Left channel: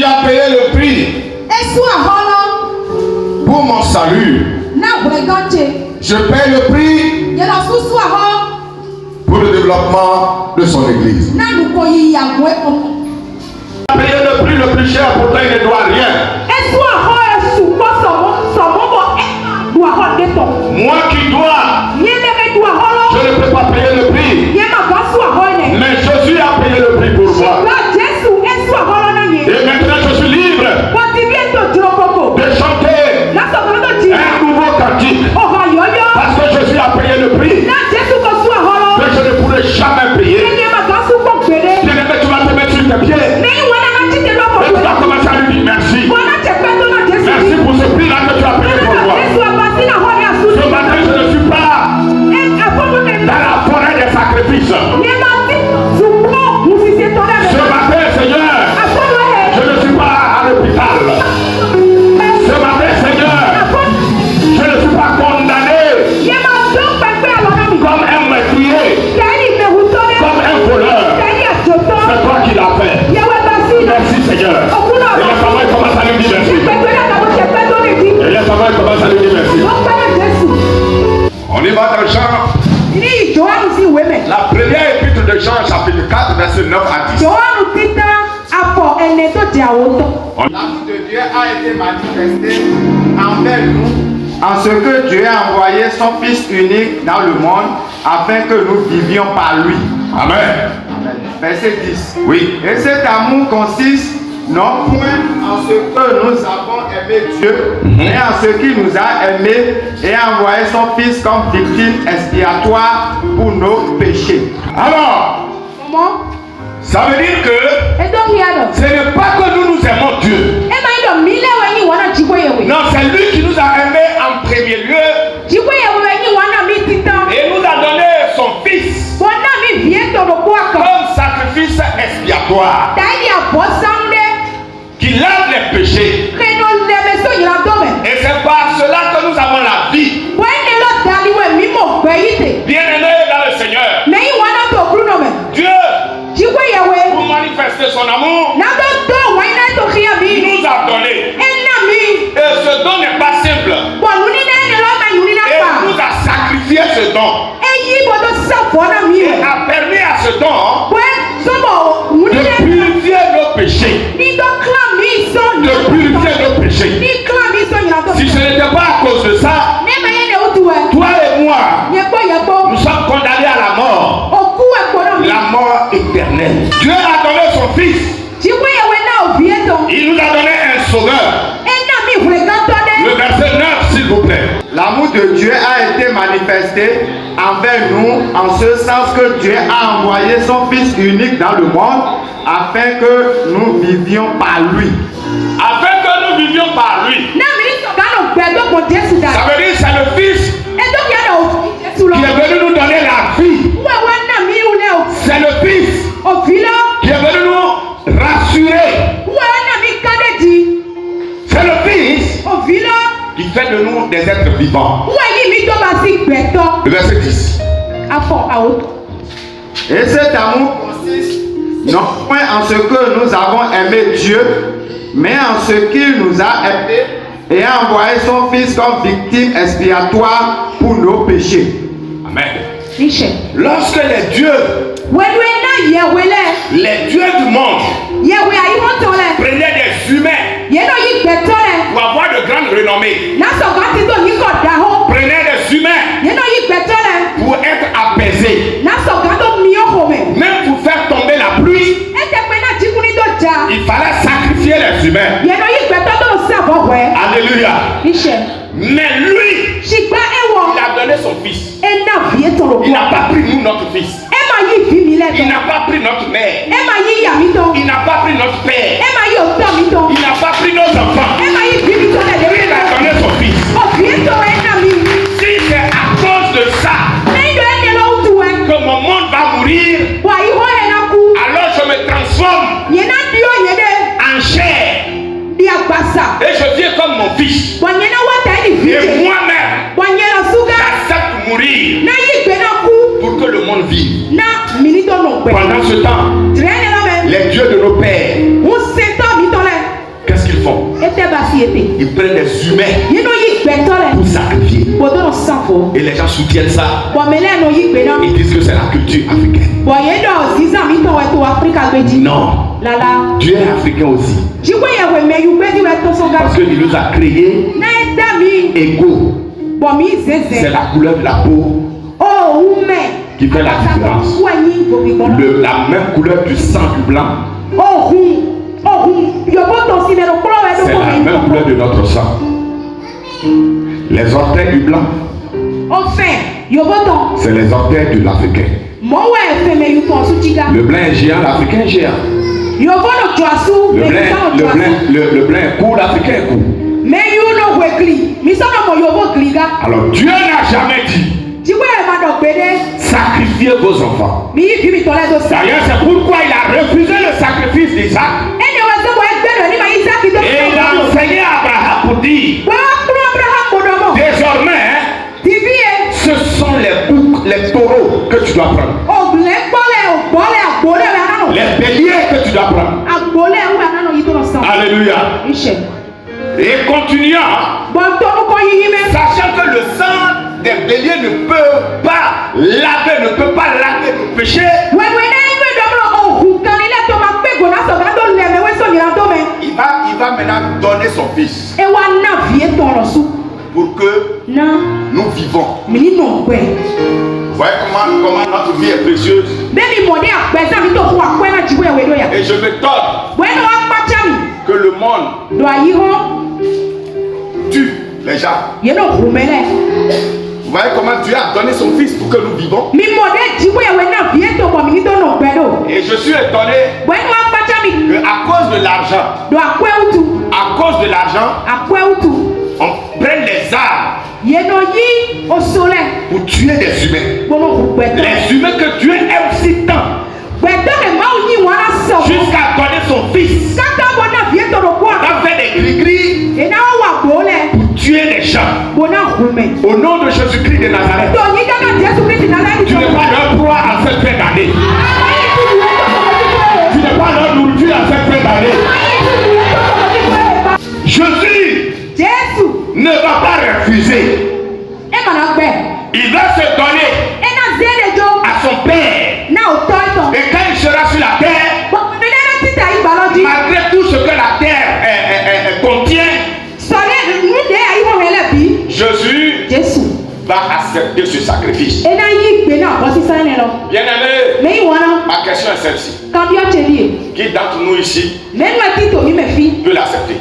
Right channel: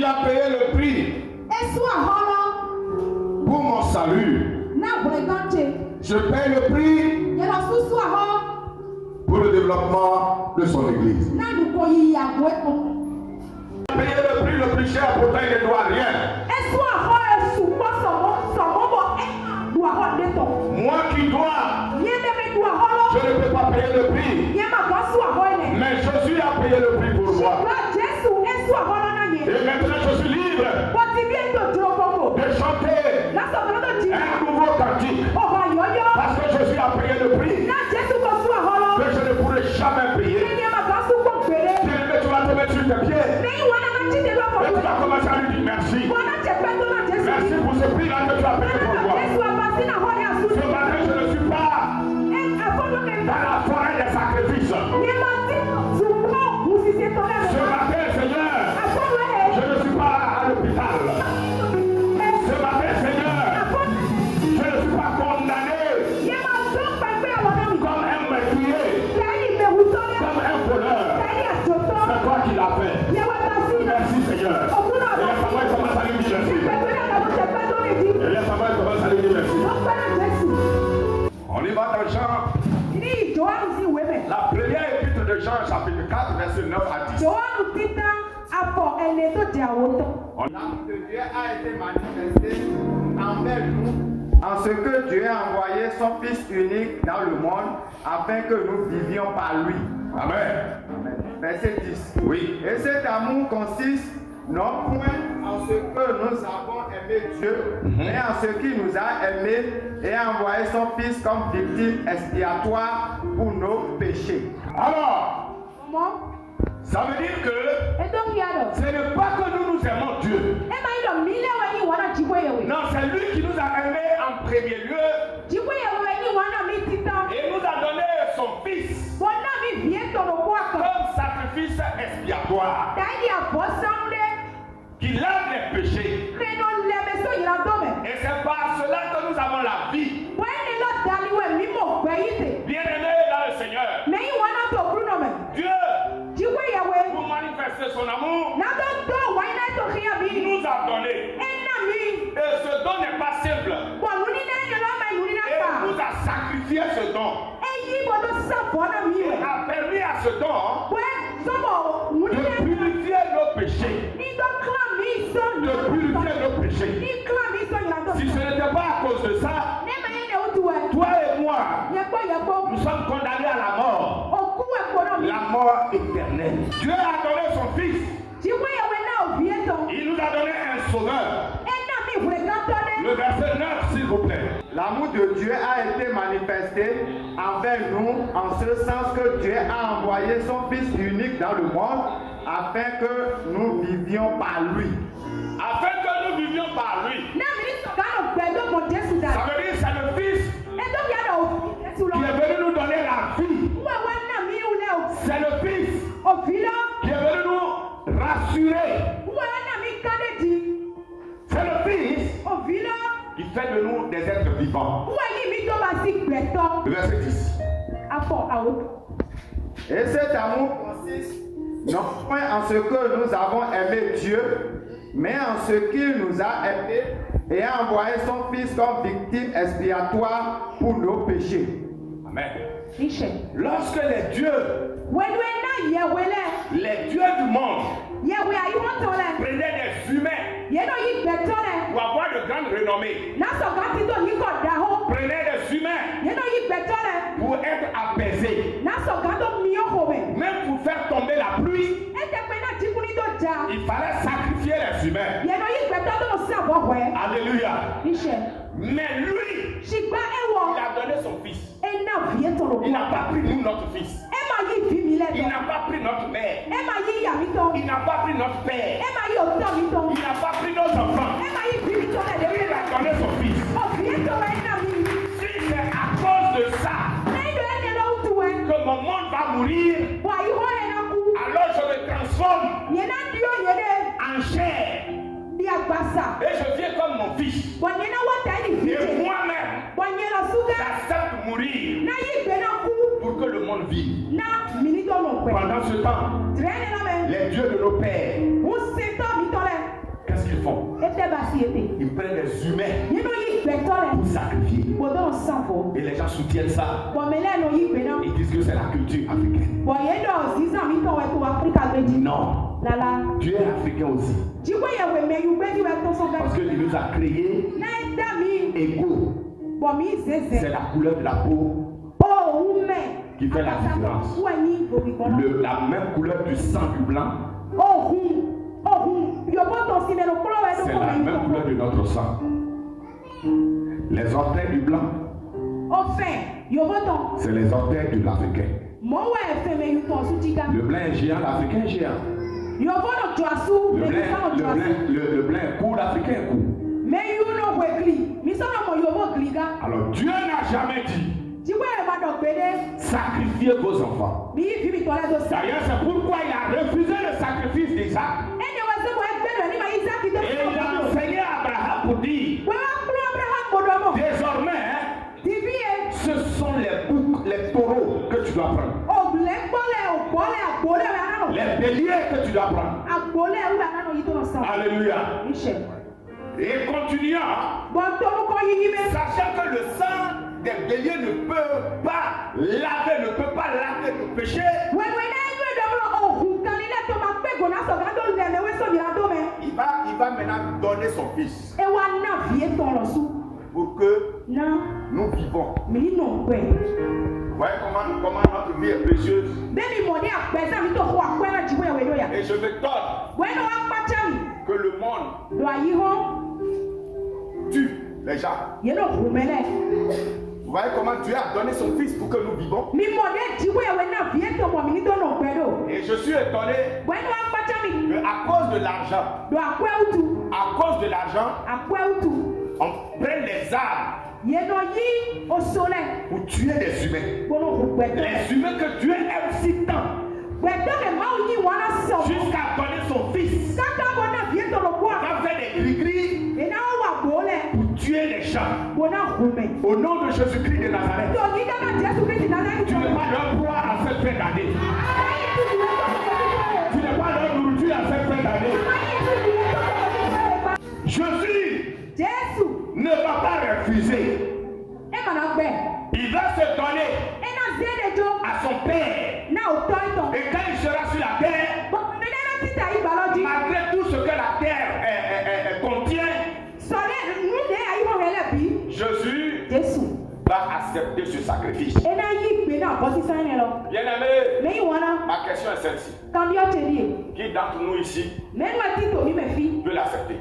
Il a payé le prix pour mon salut. Je paye le prix pour le développement de son église. Il a payé le prix le plus cher, pourtant il ne doit rien. Moi qui dois, je ne peux pas payer le prix. Mais Jésus a payé le prix pour moi. Et maintenant je suis libre de chanter un nouveau cantique. Parce que Jésus a payé le prix que je ne pourrai jamais payer. Bien-aimé, tu vas te mettre sur tes pieds. Et tu vas commencer à lui dire merci. Merci pour ce prix-là que tu as payé pour moi. Ce matin, je ne suis pas dans la forêt des sacrifices. Ce matin, Seigneur, je ne suis pas à l'hôpital. Ce matin, Seigneur, je ne suis pas condamné comme un meurtrier, comme un voleur. C'est toi qui l'as fait. Merci, Seigneur. Et les femmes commencent à lui dire merci. Et les femmes commencent à lui dire merci. On y va dans Jean. La première épître de Jean, chapitre 4, verset 9 à 10. L'amour de Dieu a été manifesté envers nous en ce que Dieu a envoyé son Fils unique dans le monde afin que nous vivions par lui. Amen. Verset 10. Oui. Et cet amour consiste non point en ce que nous avons aimé Dieu, mais en ce qu'il nous a aimés et a envoyé son Fils comme victime expiatoire pour nos péchés. Alors, ça veut dire que ce n'est pas que nous aimons Dieu. Non, c'est lui qui nous a aimés en premier lieu et nous a donné son Fils comme sacrifice expiatoire qui lave les péchés. Et c'est par cela que nous avons la vie. Bien-aimés dans le Seigneur, Dieu, pour manifester son amour, nous a donné. Et ce don n'est pas simple. Et nous a sacrifié ce don. Et a permis à ce don de purifier nos péchés. De purifier nos péchés. Si ce n'était pas à cause de ça, toi et moi, nous sommes condamnés à la mort. La mort éternelle. Dieu a donné son Fils. Il nous a donné un sauveur. Le verset 9, s'il vous plaît. L'amour de Dieu a été manifesté envers nous en ce sens que Dieu a envoyé son Fils unique dans le monde afin que nous vivions par lui. Afin que nous vivions par lui. Ça veut dire que c'est le Fils qui est venu nous donner la vie. C'est le Fils qui est venu nous rassurer. C'est le Fils qui fait de nous des êtres vivants. Le verset 10. Et cet amour consiste non point en ce que nous avons aimé Dieu, mais en ce qu'il nous a aimés et a envoyé son Fils comme victime expiatoire pour nos péchés. Amen. Lorsque les dieux du monde prenaient des humains pour avoir de grandes renommées, prenaient des humains pour être apaisés, même pour faire tomber la pluie, il fallait sacrifier les humains. Alléluia. Mais lui, il a donné son Fils. Il n'a pas pris nous notre Fils. Il n'a pas pris notre mère. Il n'a pas pris notre père. Il n'a pas pris nos enfants. Il a donné son Fils. Si c'est à cause de ça que mon monde va mourir, alors je me transforme en chair. Et je viens comme mon Fils. Et moi-même, j'accepte de mourir pour que le monde vive. Pendant ce temps, les dieux de nos pères Ils prennent des humains pour sacrifier. Et les gens soutiennent ça. Ils disent que c'est la culture africaine. Non. Dieu est africain aussi. Parce qu'il nous a créés égaux. C'est la couleur de la peau qui fait la différence. La même couleur du sang du blanc. C'est la même couleur de notre sang. Les orteils du blanc, c'est les orteils de l'Africain. Le blanc est géant, l'Africain est géant. Le blanc est court, l'Africain est court. Alors Dieu n'a jamais dit sacrifiez vos enfants. D'ailleurs, c'est pourquoi il a refusé le sacrifice d'Isaac. Et il a enseigné à Abraham pour dire désormais, ce sont les boucs, les taureaux que tu dois prendre. Les béliers que tu dois prendre. Alléluia. Et continuant, sachant que le sang des béliers ne peut pas laver le péché. Il va maintenant donner son fils pour que nous vivons. Vous voyez comment notre vie est précieuse. Et je m'étonne que le monde tue les gens. Vous voyez comment Dieu a donné son fils pour que nous vivons. Et je suis étonné qu'à cause de l'argent, on prenne les armes pour tuer des humains. Les humains que Dieu aime aussi tant. Jusqu'à donner son fils. On a fait des gris-gris pour tuer les gens. Au nom de Jésus-Christ de Nazareth. Tu n'es pas leur proie à cette fin d'année. Tu n'es pas leur nourriture à cette fin d'année. Jésus ne va pas refuser. Il va se donner à son Père. Et quand il sera sur la terre, malgré tout ce que la terre contient, Jésus va accepter ce sacrifice. Bien-aimé, ma question est celle-ci. Qui d'entre nous ici peut l'accepter?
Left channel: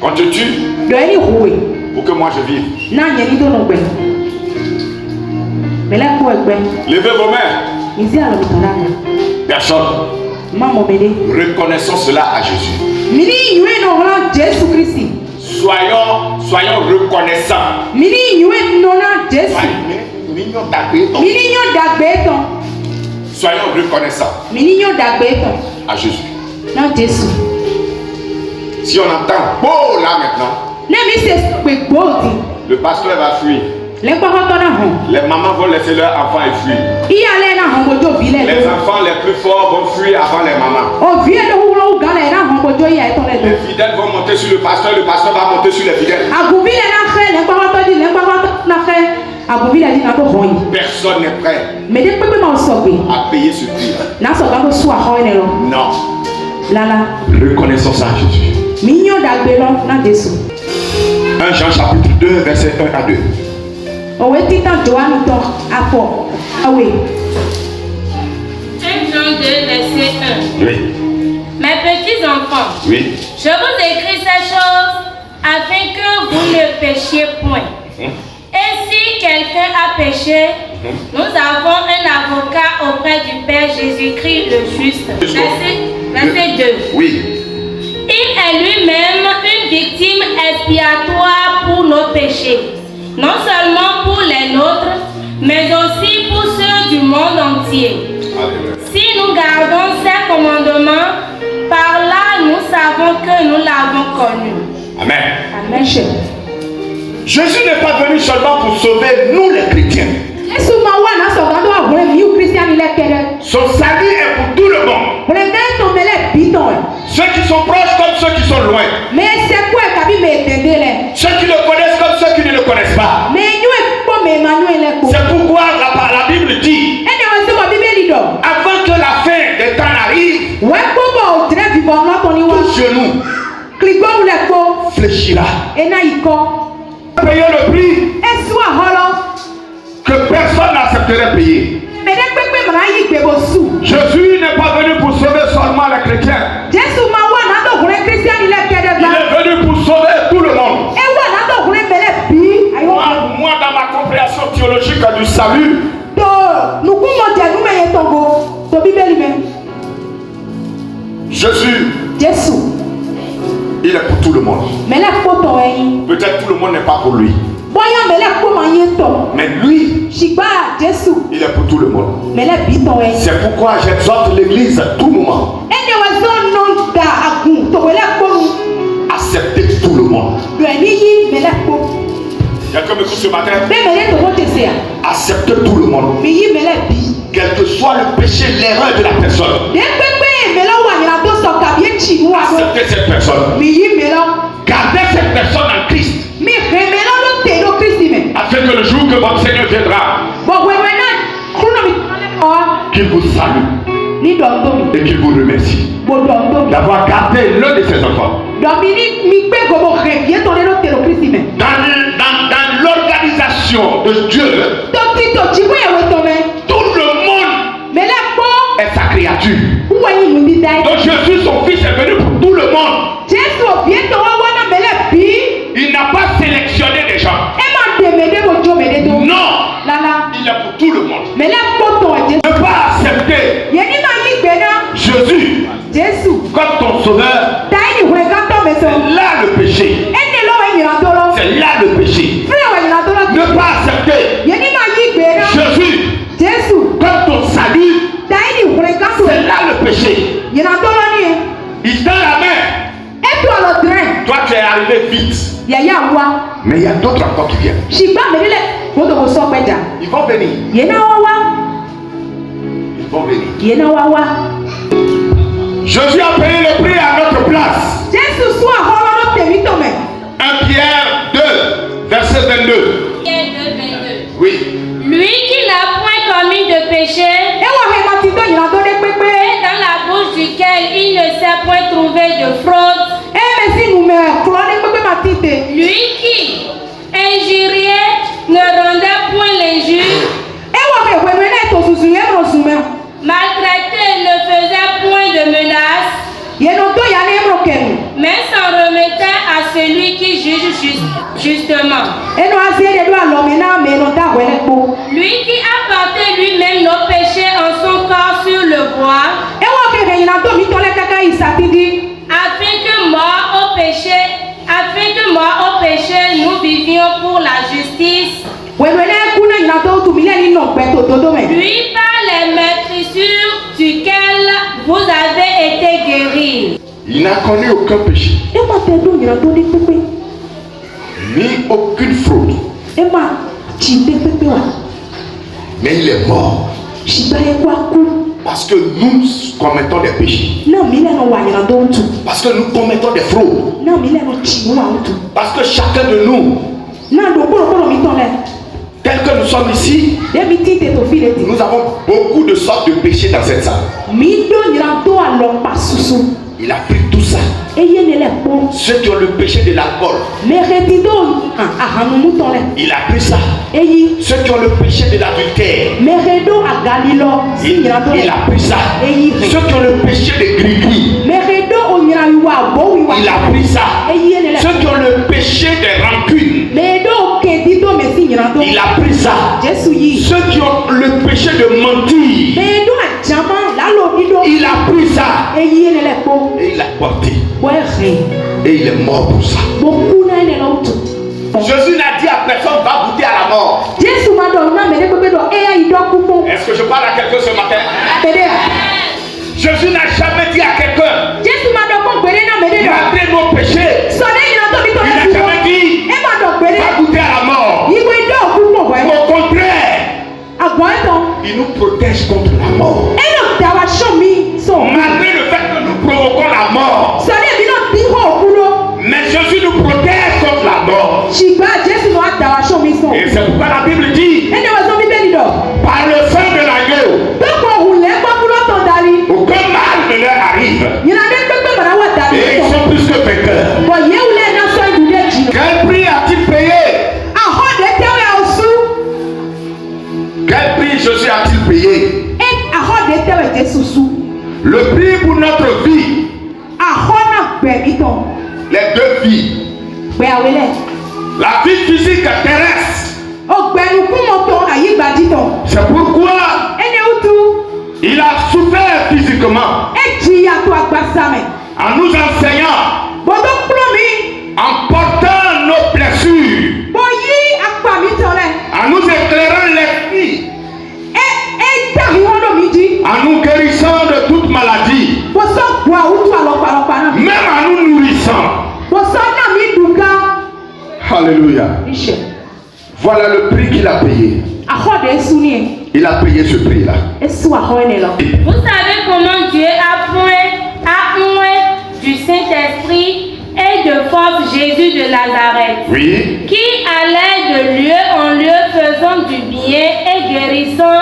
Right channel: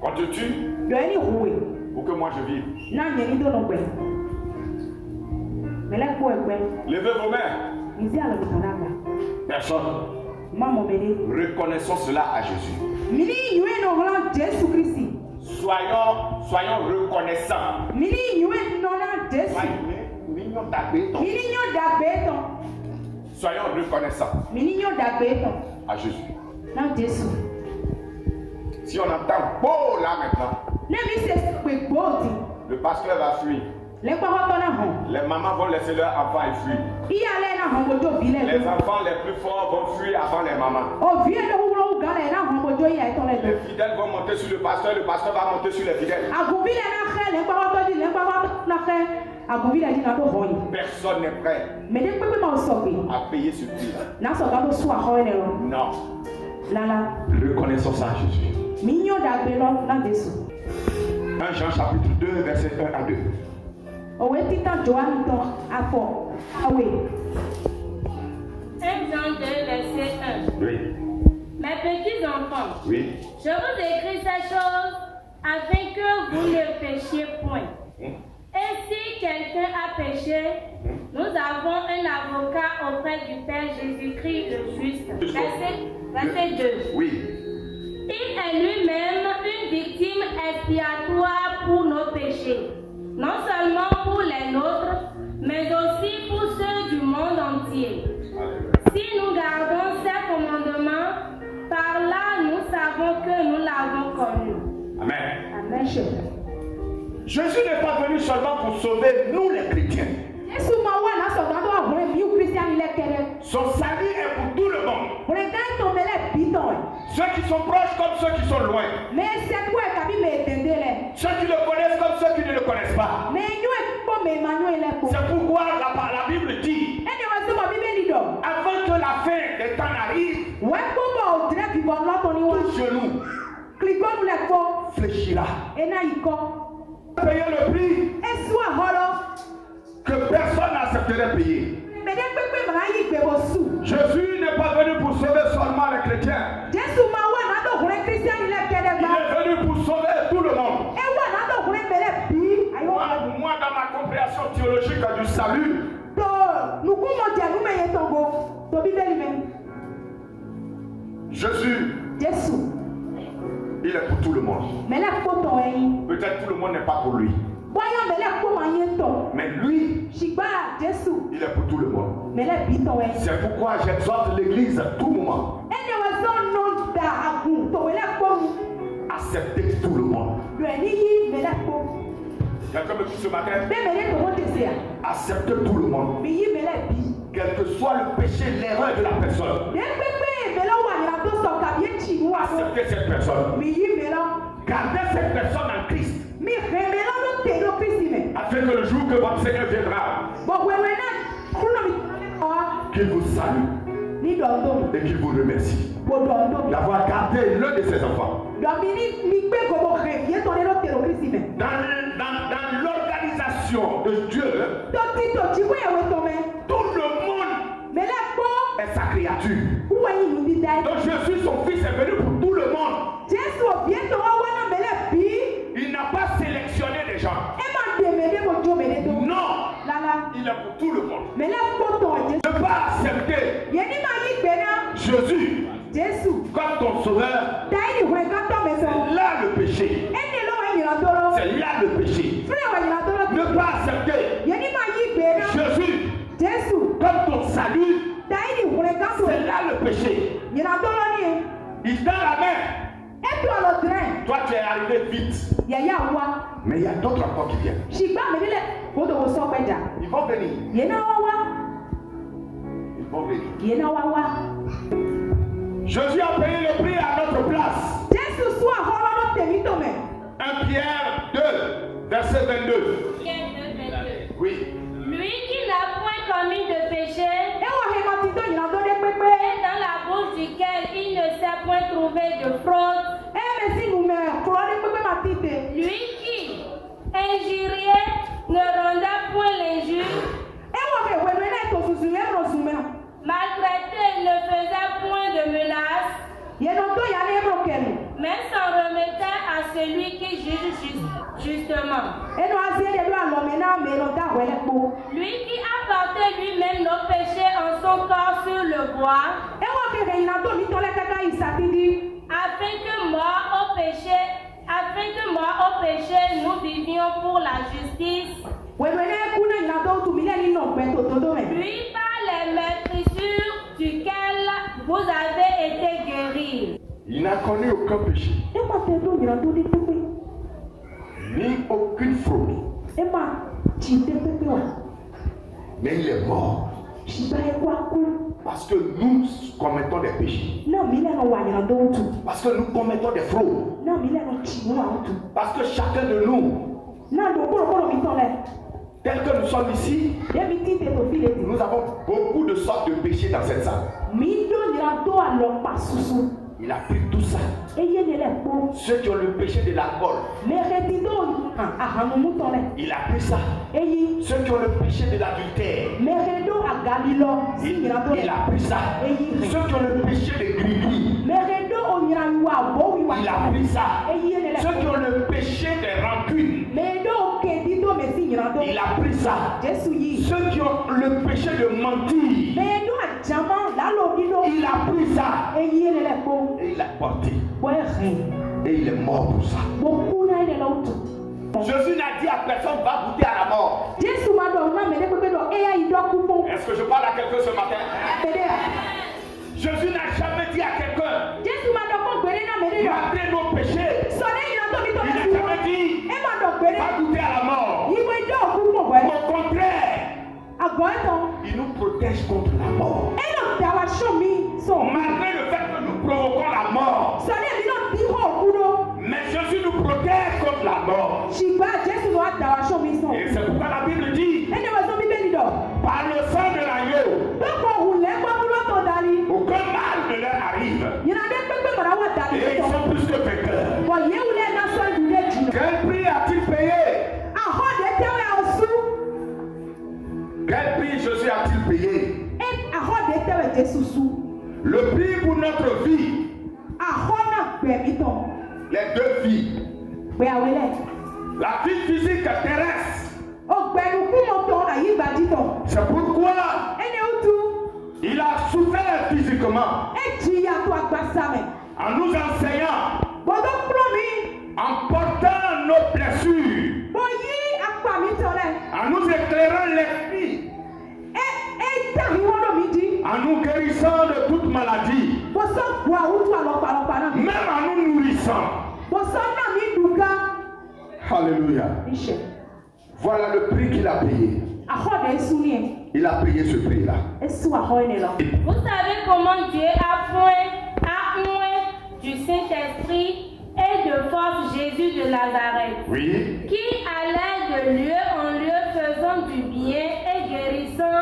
Qu'on te tue pour que moi je vive. Levez vos mains. Personne. Reconnaissons cela à Jésus. Soyons reconnaissants. Soyons reconnaissants à Jésus. Si on entend beau là maintenant, le pasteur va fuir. Les mamans vont laisser leurs enfants et fuir. Les enfants les plus forts vont fuir avant les mamans. Les fidèles vont monter sur le pasteur va monter sur les fidèles. Personne n'est prêt à payer ce prix-là. Non. Reconnaissons ça à Jésus. 1 Jean chapitre 2, verset 1 à 2. 1 Jean 2, verset 1. Oui. Mes petits enfants, oui. Je vous écris ces choses afin que vous ne péchiez point. Et si quelqu'un a péché, nous avons un avocat auprès du Père Jésus-Christ le juste. Verset 2. Oui. Il est lui-même une victime expiatoire pour nos péchés, non seulement pour les nôtres, mais aussi pour ceux du monde entier. Si nous gardons ses commandements, par là nous savons que nous l'avons connu. Amen. Amen. Jésus n'est pas venu seulement pour sauver nous les chrétiens. Son salut est pour tout le monde. Ceux qui sont proches comme ceux qui sont loin. Ceux qui le connaissent comme ceux qui ne le connaissent pas. C'est pourquoi la Bible dit, avant que la fin des temps n'arrive, tout genou fléchira. Payer le prix que personne n'accepterait payer. Jésus n'est pas venu pour sauver seulement les chrétiens. Il est venu pour sauver tout le monde. Moi, dans ma compréhension théologique du salut, Jésus, il est pour tout le monde. Peut-être tout le monde n'est pas pour lui. Mais lui, il est pour tout le monde. C'est pourquoi j'exhorte l'église à tout moment. Accepter tout le monde. Il y a comme écoute ce matin. Accepter tout le monde. Quel que soit le péché, l'erreur de la personne. Accepter cette personne. Gardez cette personne en Christ. Afin que le jour que votre Seigneur viendra, qu'il vous salue et qu'il vous remercie d'avoir gardé l'un de ses enfants. Dans l'organisation de Dieu, tout le monde est sa créature. Donc Jésus, son fils, est venu pour tout le monde. Il n'a pas sélectionné des gens. Non, il est pour tout le monde. Ne pas accepter Jésus comme ton sauveur, c'est là le péché. C'est là le péché. Ne pas accepter Jésus comme ton salut, c'est là le péché. Il tend la main. Toi tu es arrivé vite. Mais il y a d'autres encore qui viennent. Ils vont venir. Ils vont venir. Jésus a payé le prix à notre place. 1 Pierre 2, verset 22. Oui. Lui qui n'a point commis de péché, et dans la bouche duquel il ne s'est point trouvé de fraude. Lui qui injuriait ne rendait point l'injure. Maltraité ne faisait point de menaces, mais s'en remettait à celui qui juge justement. Lui qui a porté lui-même nos péchés en son corps sur le bois, afin que mort au péché, nous vivions pour la justice. Lui par les maîtrissures duquel vous avez été guéris. Il n'a connu aucun péché, ni aucune fraude. Mais il est mort parce que nous commettons des péchés, parce que nous commettons des fraudes, parce que chacun de nous, tel que nous sommes ici, nous avons beaucoup de sortes de péchés dans cette salle. Il a pris tout ça. Ceux qui ont le péché de l'alcool, il a pris ça. Ceux qui ont le péché de l'adultère, il a pris ça. Ceux qui ont le péché de gris-gris, il a pris ça. Ceux qui ont le péché de rancune, il a pris ça. Ceux qui ont le péché de mentir, il a pris ça. Et il l'a porté. Et il est mort pour ça. Jésus n'a dit à personne va goûter à la mort. Est-ce que je parle à quelqu'un ce matin? Jésus n'a jamais dit à quelqu'un malgré nos péchés. Il n'a jamais dit va goûter à la mort. Au contraire, il nous protège contre la mort. Malgré le fait que nous provoquons notre vie. Les deux vies. La vie physique terrestre. C'est pourquoi il a souffert physiquement en nous enseignant, en portant nos blessures, en nous éclairant l'esprit, en nous guérissant de toute maladie, même en nous nourrissant. Alléluia. Voilà le prix qu'il a payé. Il a payé ce prix-là. Vous savez comment Dieu a oint du Saint-Esprit et de force Jésus de Nazareth, oui, qui allait de lieu en lieu faisant du bien et guérissant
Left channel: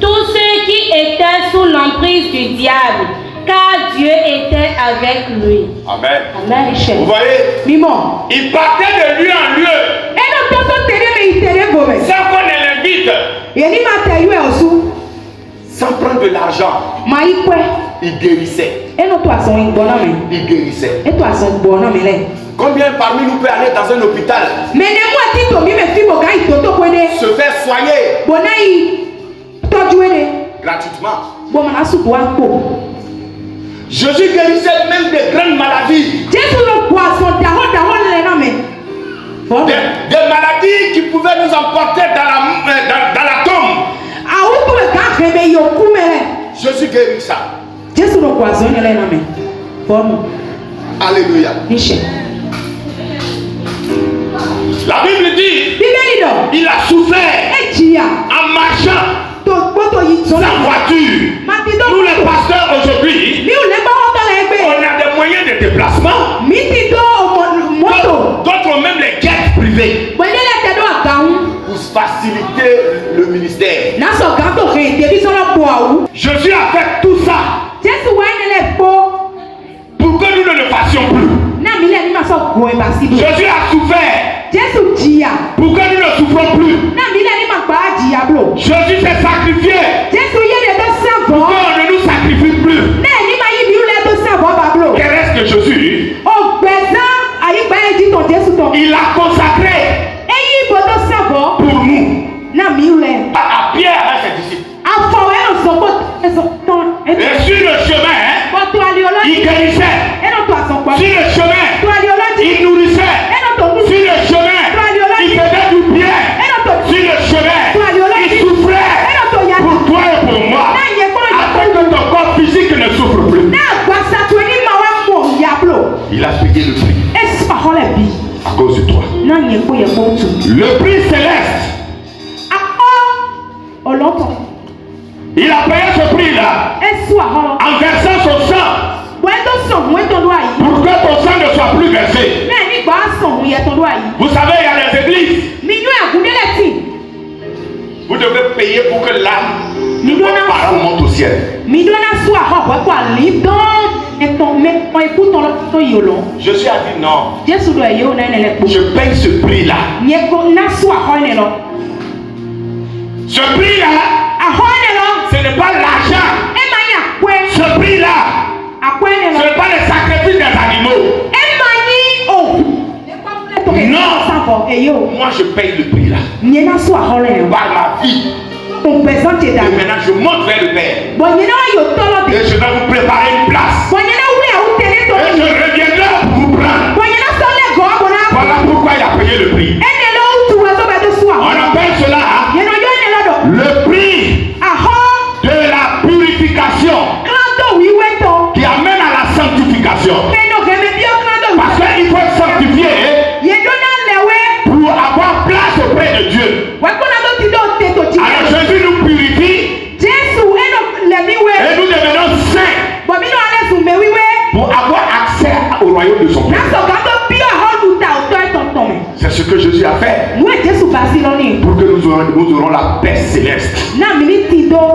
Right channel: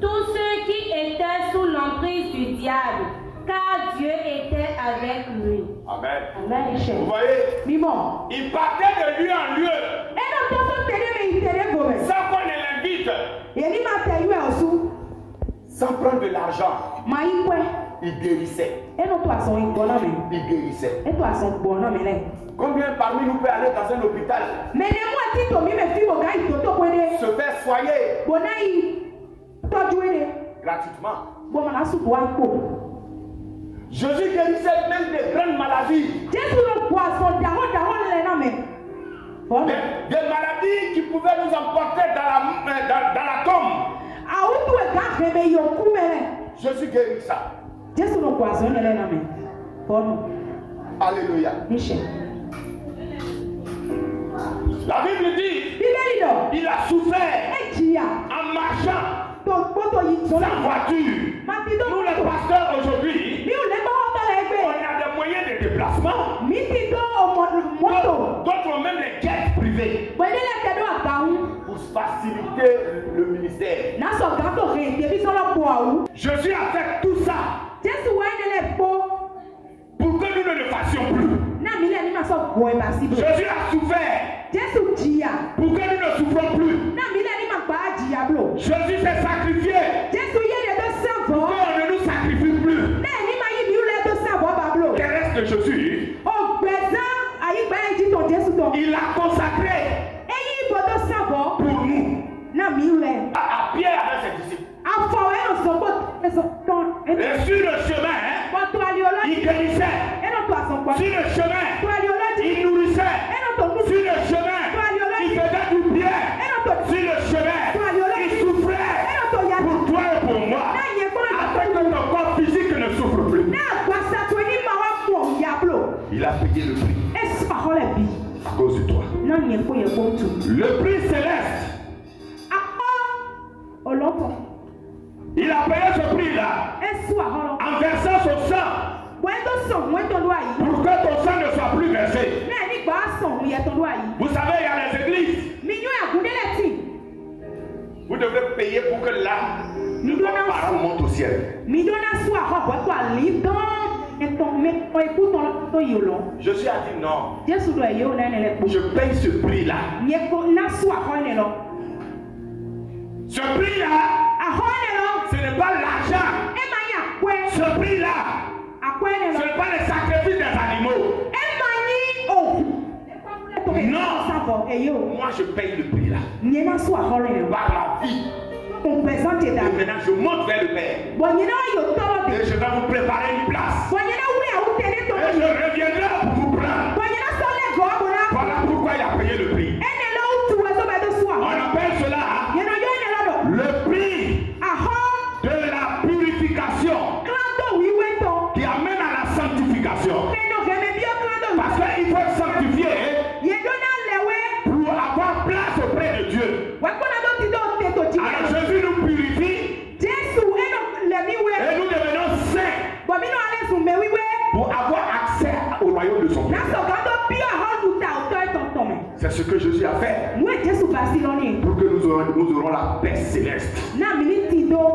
tous ceux qui étaient sous l'emprise du diable, car Dieu était avec lui. Amen. Amen. Vous voyez, il partait de lieu en lieu. Sans qu'on ne l'invite, sans prendre de l'argent, il guérissait. Il guérissait. Combien parmi nous peut aller dans un hôpital, se faire soigner gratuitement? Jésus guérissait même des grandes maladies. Des maladies qui pouvaient nous emporter dans la tombe. Jésus guérit ça. Alléluia. La Bible dit, il a souffert en marchant sans voiture. Nous les pasteurs aujourd'hui, on a des moyens de déplacement. D'autres même les jets privés pour faciliter le ministère. Jésus a fait tout ça pour que nous ne le fassions plus. Jésus a souffert pour que nous ne souffrons plus. Jésus s'est sacrifié pour qu'on ne nous sacrifie plus. Quel reste de Jésus? Il a consacré pour nous. À Pierre et ses disciples. Et sur le chemin, il guérissait. Sur le chemin, il nourrissait. Sur le chemin, il faisait du bien. Sur le chemin, il souffrait pour toi et pour moi, afin que ton corps physique ne souffre plus. Il a payé le prix à cause de toi. Le prix céleste. Il a payé ce prix-là en versant son sang pour que ton sang ne soit plus versé. Vous savez, il y a des églises. Vous devez payer pour que l'âme de vos parents monte au ciel. Jésus a dit non. Je paye ce prix-là. Ce prix-là, ce n'est pas l'argent. Ce prix-là, ce n'est pas le sacrifice des animaux. Non. Moi, je paye le prix-là. Par ma vie. Et maintenant, je monte vers le Père. Et je vais vous préparer une place. Et je reviendrai pour vous prendre. Voilà pourquoi il a payé le prix. On appelle cela le prix de la purification qui amène à la sanctification. Parce qu'il faut être sanctifié pour avoir place auprès de Dieu. Alors Jésus nous purifie et nous devenons saints pour avoir accès au royaume de son Père. C'est ce que Jésus a fait pour que nous aurons la paix céleste,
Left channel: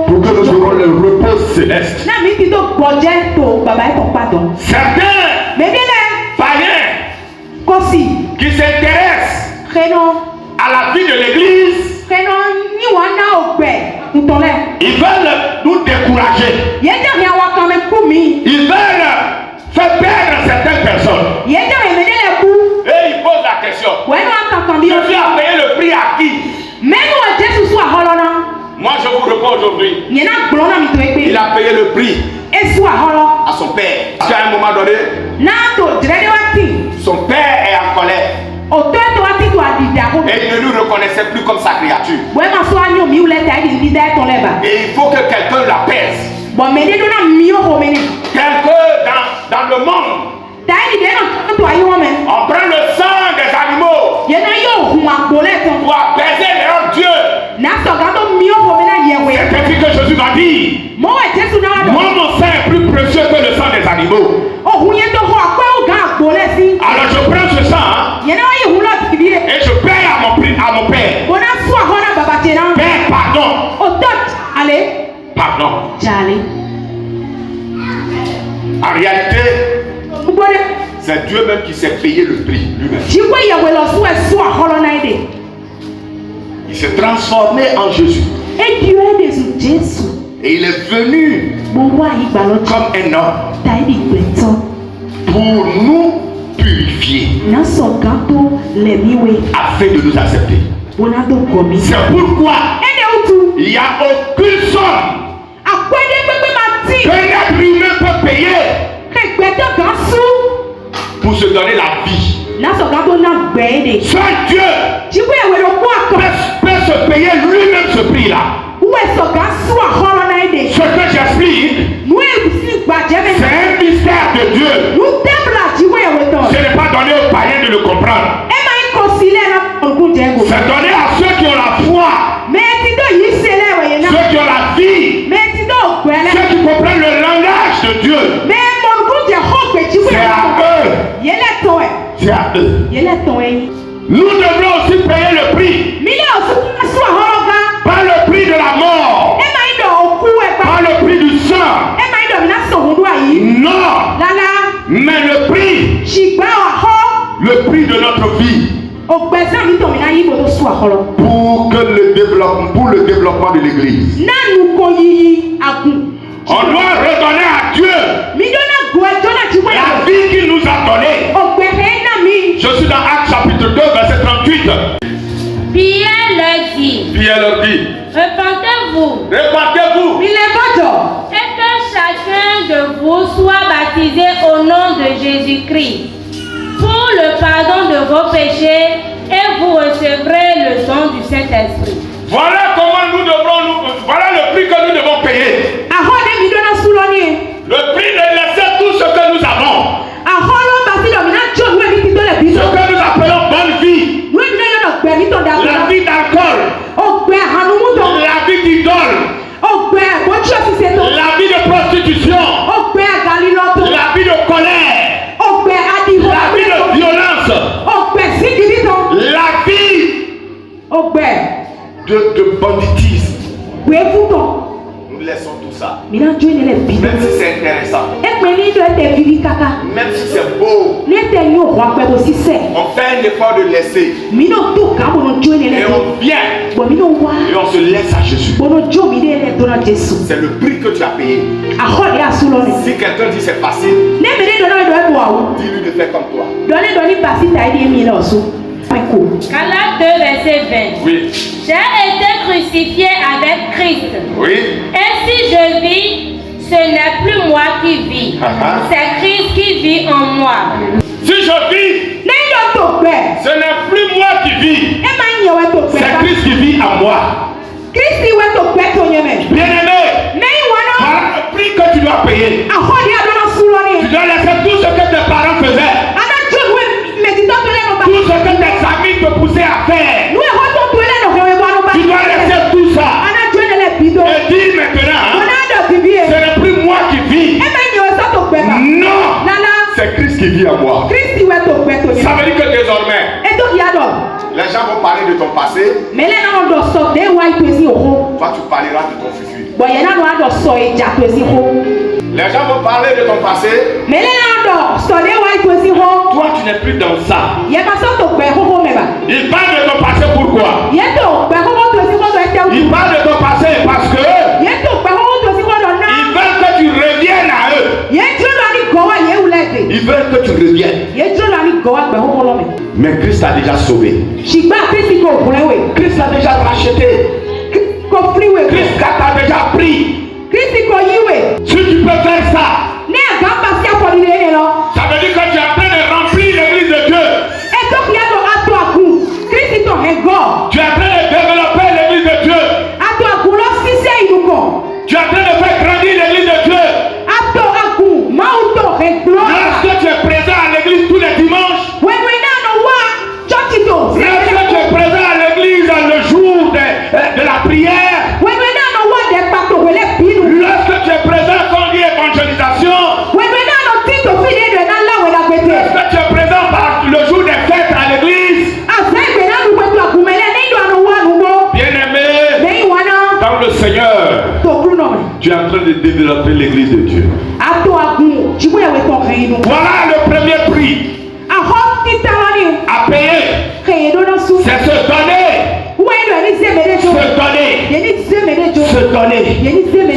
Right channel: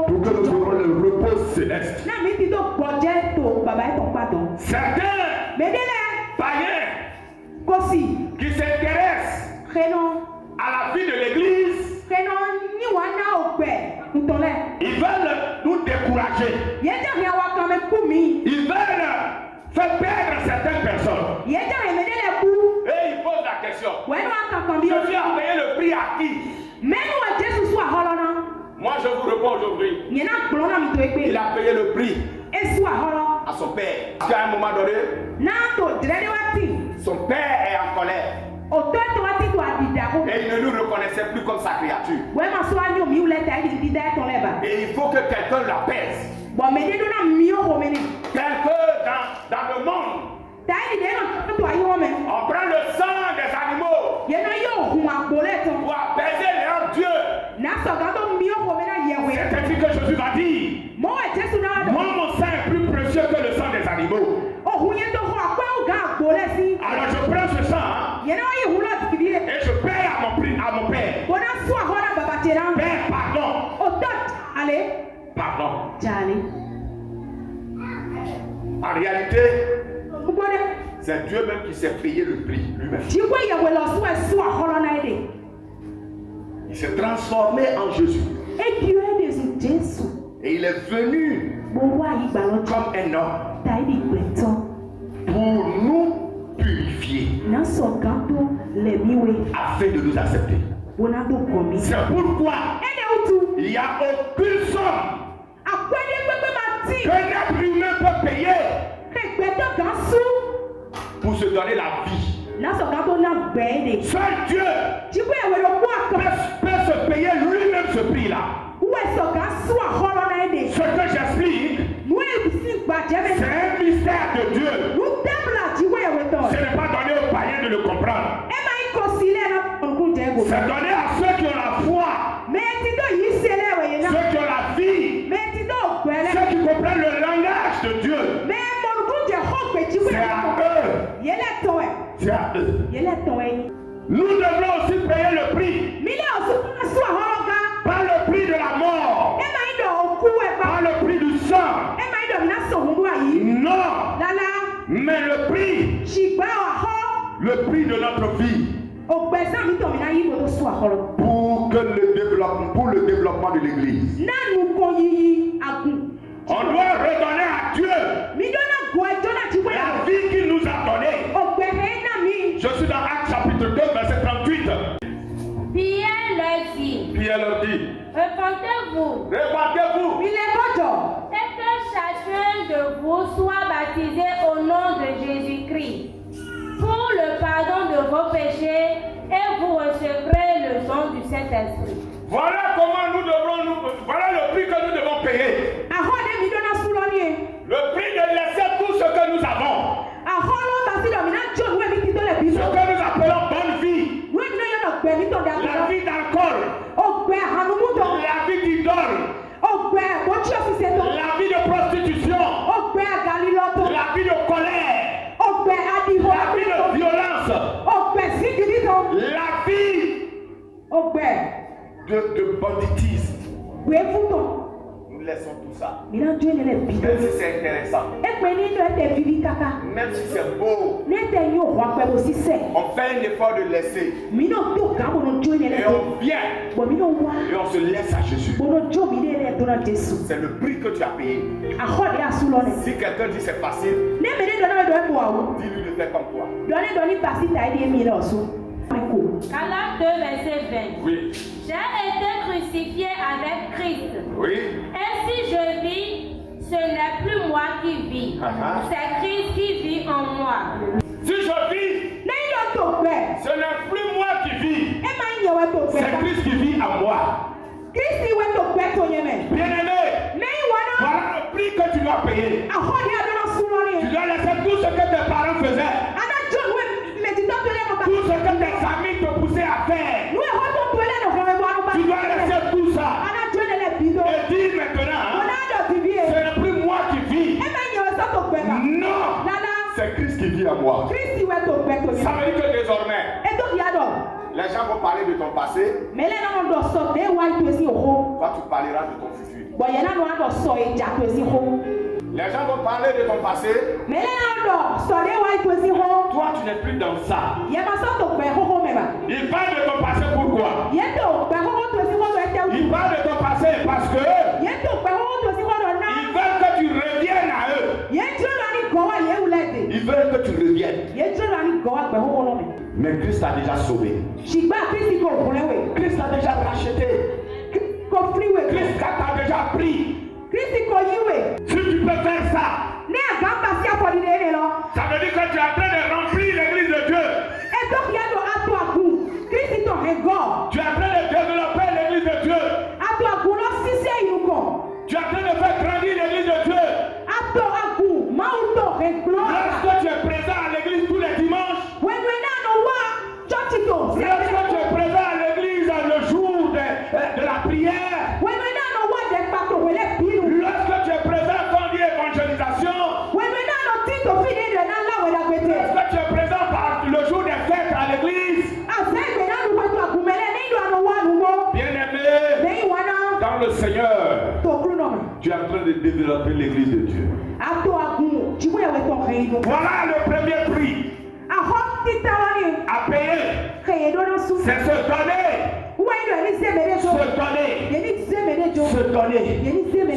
pour que nous aurons le repos céleste. Certains païens qui s'intéressent à la vie de l'église, ils veulent nous décourager. Ils veulent Parce qu'à un moment donné, son père est en colère. Et il ne nous reconnaissait plus comme sa créature. Et il faut que quelqu'un l'apaise. Quelqu'un dans le monde. On prend le sang des animaux pour apaiser leur Dieu. C'est ainsi que Jésus m'a dit. Moi, mon sang est plus précieux que le sang des animaux. Alors je prends ce sang et je paye à mon père. Père, pardon. Pardon. En réalité, c'est Dieu même qui s'est payé le prix lui-même. Il s'est transformé en Jésus. Et il est venu comme un homme pour nous purifier afin de nous accepter. C'est pourquoi il n'y a aucune somme qu'un être humain peut payer pour se donner la vie. Seul Dieu peut se payer lui-même ce prix-là. Ce que j'explique, c'est un mystère de Dieu. Ce n'est pas donné aux païens de le comprendre. C'est donné à ceux qui ont la foi, ceux qui ont la vie, ceux qui comprennent le langage de Dieu. C'est à eux. C'est à eux. Nous devrons aussi payer le prix. Pas le prix de la mort. Pas le prix du sang. Non. Mais le prix. Le prix de notre vie. Pour le développement de l'église. On doit redonner à Dieu la vie qu'il nous a donnée. Je suis dans Actes chapitre 2 verset 38. Pierre leur dit, repentez-vous. Et que chacun de vous soit baptisé au nom de Jésus-Christ pour le pardon de vos péchés et vous recevrez le don du Saint-Esprit. Voilà comment voilà le prix que nous devons payer. Le prix de laisser tout ce que nous avons. Ce que nous appelons bonne vie. La vie d'alcool. La vie d'idole. La vie de prostitution. La vie de colère. La vie de violence. La vie de banditisme. Nous laissons tout ça. Même si c'est intéressant. Même si c'est beau. On fait un effort de laisser. Et on vient. Et on se laisse à Jésus. C'est le prix que tu as payé. Si quelqu'un dit c'est facile, dis-lui de faire comme toi. Galates 2 verset 20. Oui. J'ai été crucifié avec Christ. Oui. Et si je vis, ce n'est plus moi qui vis. C'est Christ qui vit en moi. Si je vis, ce n'est plus moi qui vis. C'est Christ qui vit en moi. Bien-aimé, par le prix que tu dois payer, tu dois laisser tout ce que tes parents faisaient. Tout ce que tes amis te poussaient à faire. Tu dois laisser tout ça. Et dire maintenant, ce n'est plus moi qui vis. Non, c'est Christ qui vit en moi. Ça veut dire que désormais, les gens vont parler de ton passé. Toi, tu parleras de ton futur. Les gens vont parler de ton passé. Toi, tu n'es plus dans ça. Ils parlent de ton passé pourquoi? Ils parlent de ton passé parce que ils veulent que tu reviennes à eux. Ils veulent que tu reviennes. Mais Christ a déjà sauvé. Christ a déjà racheté. Christ t'a déjà pris. Si tu peux faire ça,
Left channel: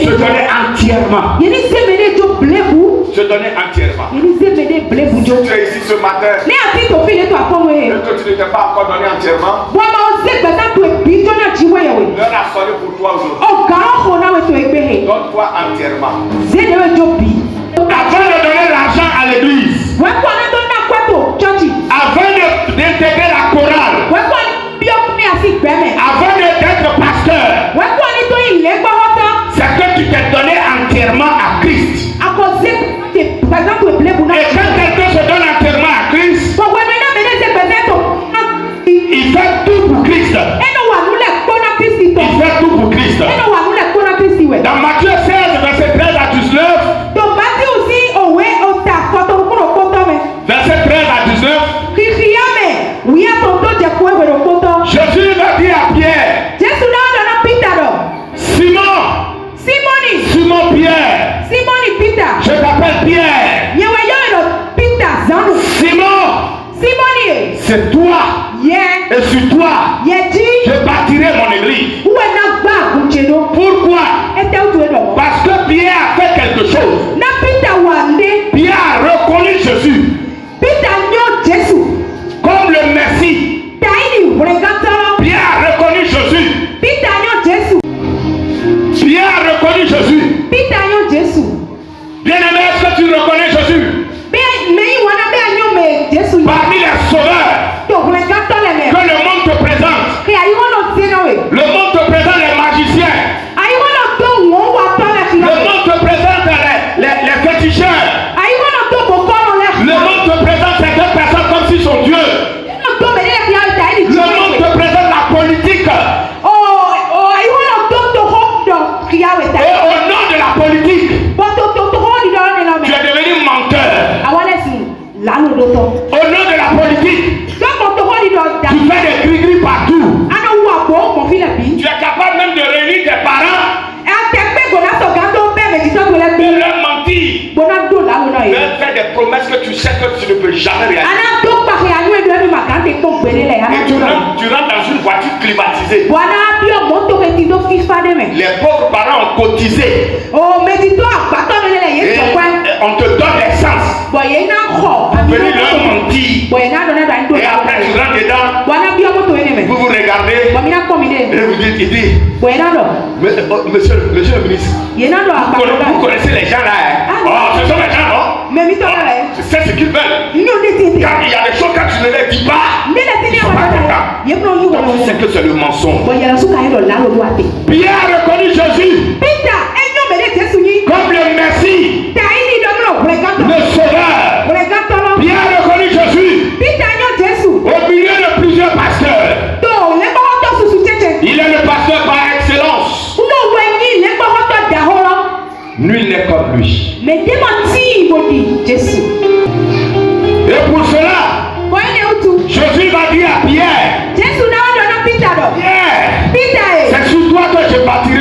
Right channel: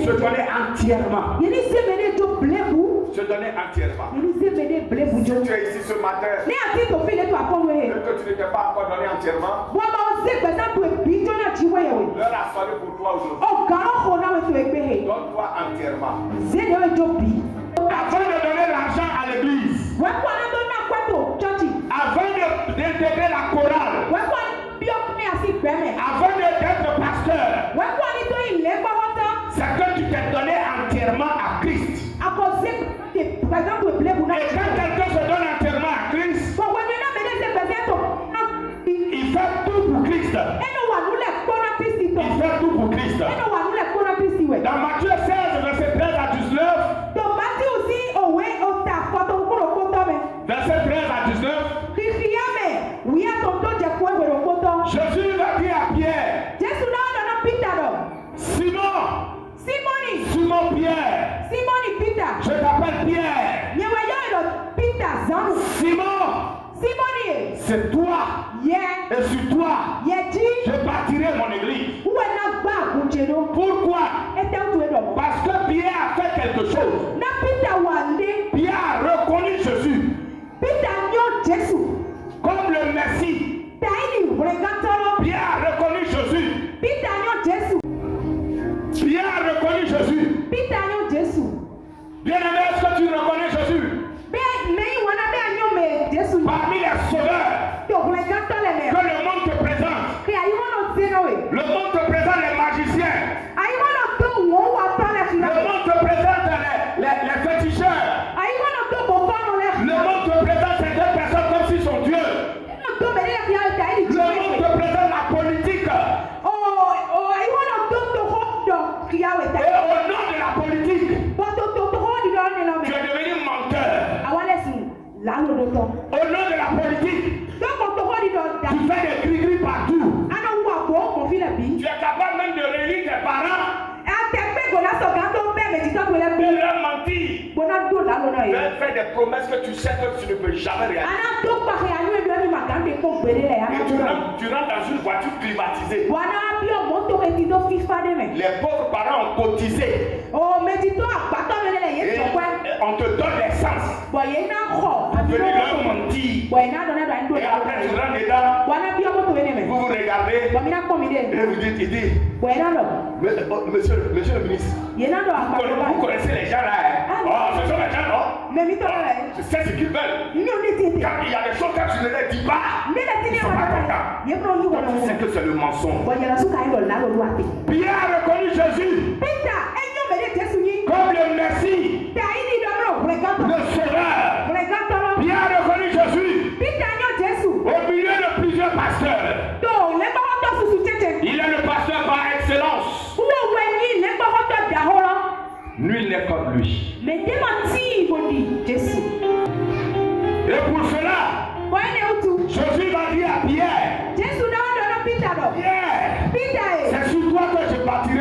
Se donner entièrement. Se donner entièrement. Si tu es ici ce matin et que tu ne t'es pas encore donné entièrement, l'heure a sonné pour toi aujourd'hui. Donne-toi entièrement. Avant de donner l'argent à l'église, avant d'intégrer la chorale, avant d'être pasteur, c'est que tu t'es donné entièrement à Christ. Et quand quelqu'un se donne entièrement à Christ, il fait tout pour Christ. Il fait tout pour Christ. Dans Matthieu 16, verset 13 à 19, verset 13 à 19, Jésus va dire à Pierre, Simon Pierre, je t'appelle Pierre. Simon, c'est toi. Et sur toi, je bâtirai mon église. Pourquoi? Parce que Pierre a fait quelque chose. Pierre a reconnu Jésus comme le Messie. Pierre a reconnu Jésus. Pierre a reconnu Jésus. Bien-aimé, est-ce que tu reconnais Jésus? Parmi les sauveurs que le monde te présente. Le monde te présente les magiciens. Le monde te présente les féticheurs. Le monde te présente certaines personnes comme s'ils sont Dieu. Le monde te présente la politique. Et au nom de la politique, tu es devenu menteur. Au nom de la politique, tu fais des gris-gris partout. Tu es capable même de réunir tes parents, de leur mentir, de leur faire des promesses que tu sais que tu ne peux jamais réaliser. Et tu rentres dans une voiture climatisée. Les pauvres parents ont cotisé. Et on te donne l'essence. Venez leur mentir. Et après tu rentres dedans. Vous vous regardez. Et vous dites, il dit, monsieur le ministre, vous connaissez les gens là. Oh, ce sont les gens, non? Tu sais ce qu'ils veulent. Car il y a des choses quand tu ne les dis pas, ils ne sont pas contents. Donc tu sais que c'est le mensonge. Pierre a reconnu Jésus comme le Messie, le Sauveur. Pierre a reconnu Jésus au milieu de plusieurs pasteurs. Il est le pasteur par excellence. Nul n'est comme lui. Et pour cela, Jésus va dire à Pierre, Pierre, c'est sur toi que je bâtirai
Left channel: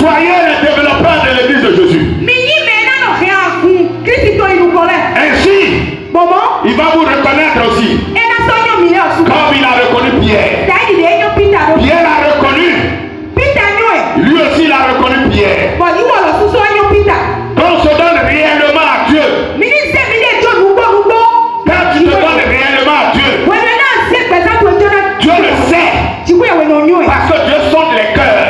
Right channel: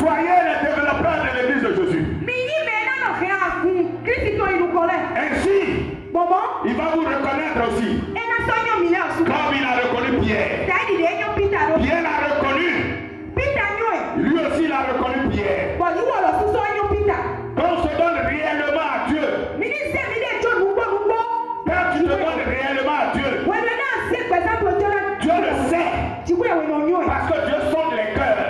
Soyez les développeurs de l'église de Jésus. Ainsi, il va vous reconnaître aussi. Comme il a reconnu Pierre. Pierre l'a reconnu. Lui aussi il a reconnu Pierre. Quand on se donne réellement à Dieu. Quand tu te donnes réellement à Dieu. Dieu le sait. Parce que Dieu sonde les cœurs.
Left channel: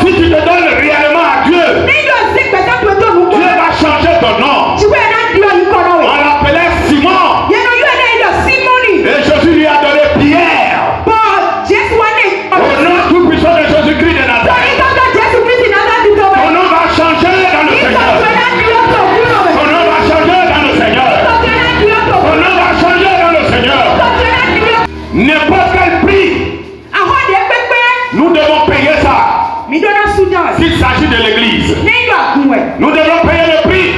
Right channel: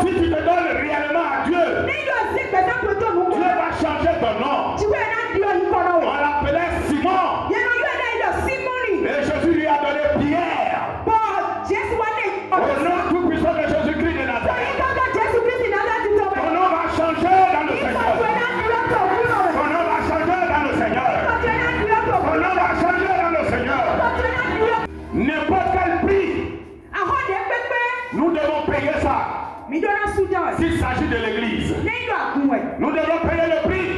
Si tu te donnes réellement à Dieu, Dieu va changer ton nom. On l'appelait Simon. Et Jésus lui a donné Pierre. Au nom tout puissant de Jésus-Christ de Nazareth. Ton nom va changer dans le Seigneur. Ton nom va changer dans le Seigneur. Ton nom va changer dans le Seigneur. N'importe quel prix, nous devons payer ça. S'il s'agit de l'église, nous devons payer le prix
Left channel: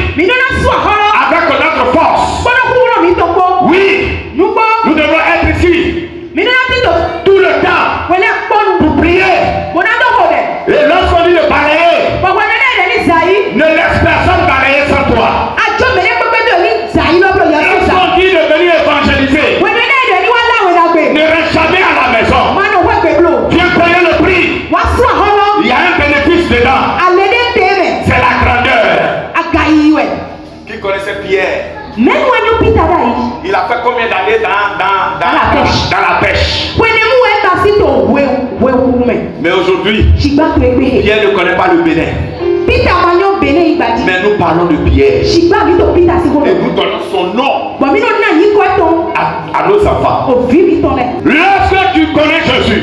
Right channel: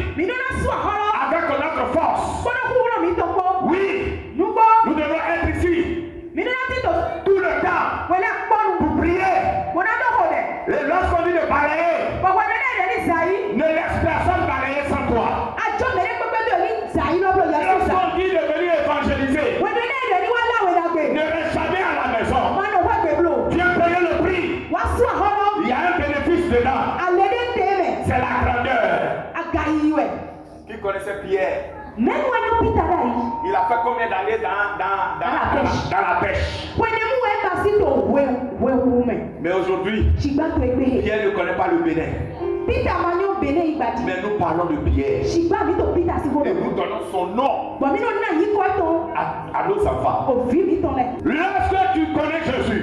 avec notre force. Oui, nous devons être ici tout le temps pour prier. Et lorsqu'on dit de balayer, ne laisse personne balayer sans toi. Lorsqu'on dit de venir évangéliser, ne reste jamais à la maison. Viens payer le prix. Il y a un bénéfice dedans. C'est la grandeur. Qui connaissait Pierre? Il a fait combien d'années dans la pêche? Mais aujourd'hui, Pierre ne connaît pas le Bénin. Mais nous parlons de Pierre. Et nous donnons son nom à nos enfants. Lorsque tu connais Jésus,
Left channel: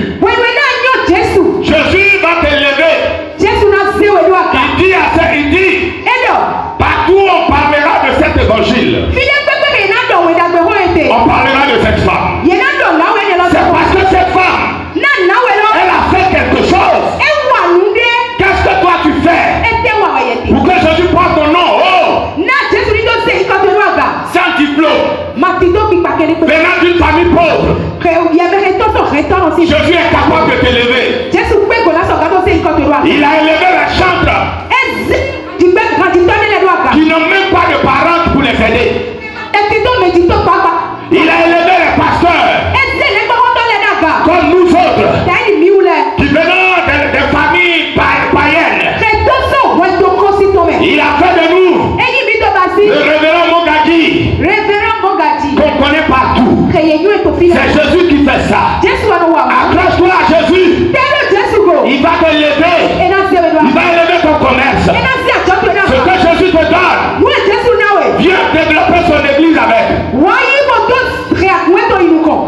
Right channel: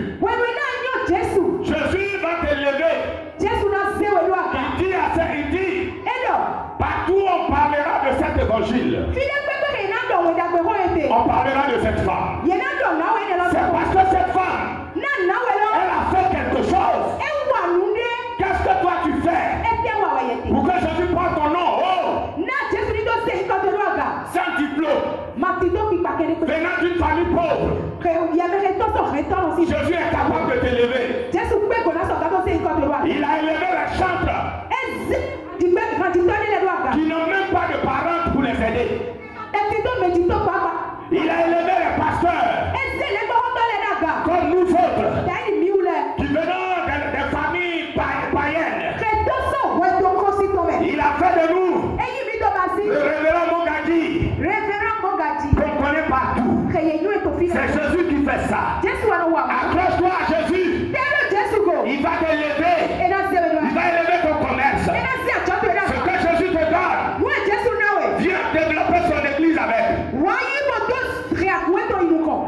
Jésus va t'élever. Il dit, partout on parlera de cet évangile. On parlera de cette femme. C'est parce que cette femme, elle a fait quelque chose. Qu'est-ce que toi tu fais pour que Jésus prenne ton nom? Oh, sans diplôme, venant d'une famille pauvre, Jésus est capable de t'élever. Il a élevé la chantre qui n'ont même pas de parents pour les aider. Il a élevé les pasteurs comme nous autres qui venons des familles païennes. Il a fait de nous le révérend Mogadi qu'on connaît partout. C'est Jésus qui fait ça. Accroche-toi à Jésus. Il va t'élever. Il va élever ton commerce. Ce que Jésus te donne, viens développer son église avec.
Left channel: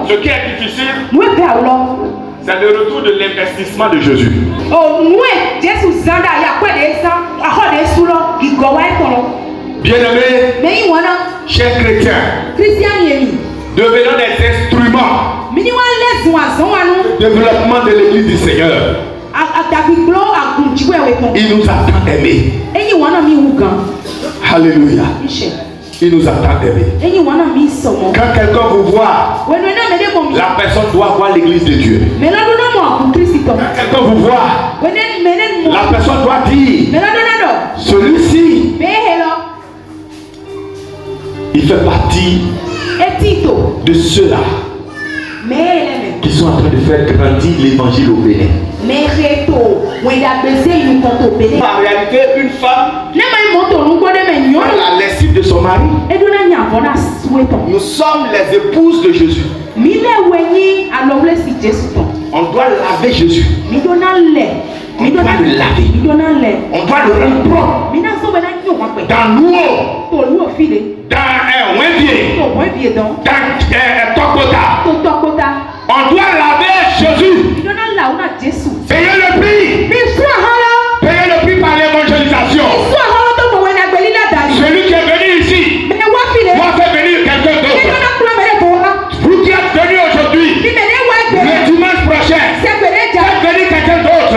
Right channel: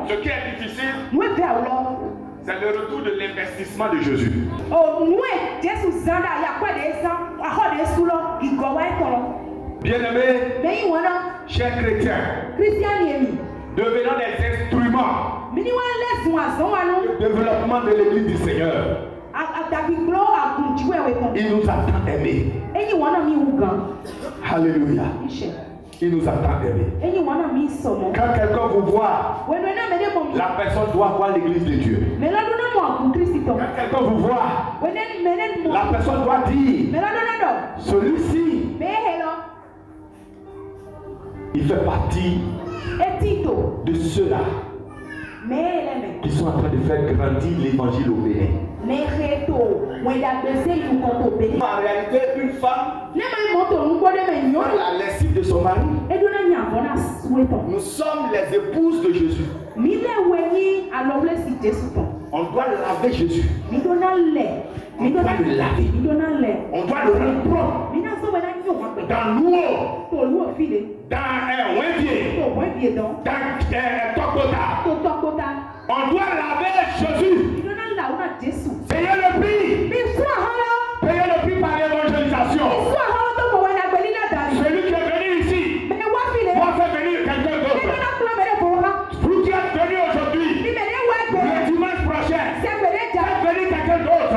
Ce qui est difficile, c'est le retour de l'investissement de Jésus. Bien-aimés, chers chrétiens, devenons des instruments de développement de l'église du Seigneur. Il nous a tant aimés. Alléluia. Il nous a tant aimés. Quand quelqu'un vous voit, la personne doit voir l'église de Dieu. Quand quelqu'un vous voit, la personne doit dire, celui-ci, il fait partie de ceux-là qui sont en train de faire grandir l'évangile au Bénin. En réalité, une femme, la lessive de son mari, nous sommes les épouses de Jésus. On doit laver Jésus. On doit le laver. On doit le rendre propre. Dans l'eau. Dans un ouinvier. Dans Tokota. On doit laver Jésus. Payer le prix. Payer le prix par l'évangélisation. Celui qui est venu ici doit faire venir quelqu'un d'autre. Vous qui êtes venu aujourd'hui, le dimanche prochain, faites venir quelqu'un d'autre.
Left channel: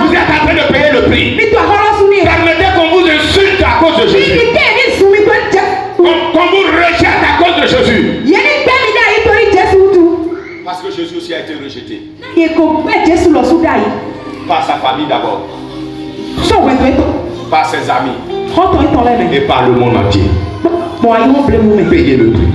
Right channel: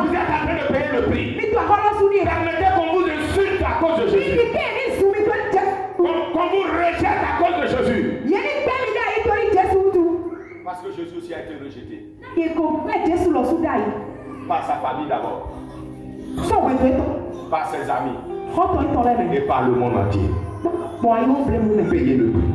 Vous êtes en train de payer le prix. Permettez qu'on vous insulte à cause de Jésus. Qu'on vous rejette à cause de Jésus. Parce que Jésus aussi a été rejeté. Par sa famille d'abord. Par ses amis. Et par le monde entier. Payez le prix.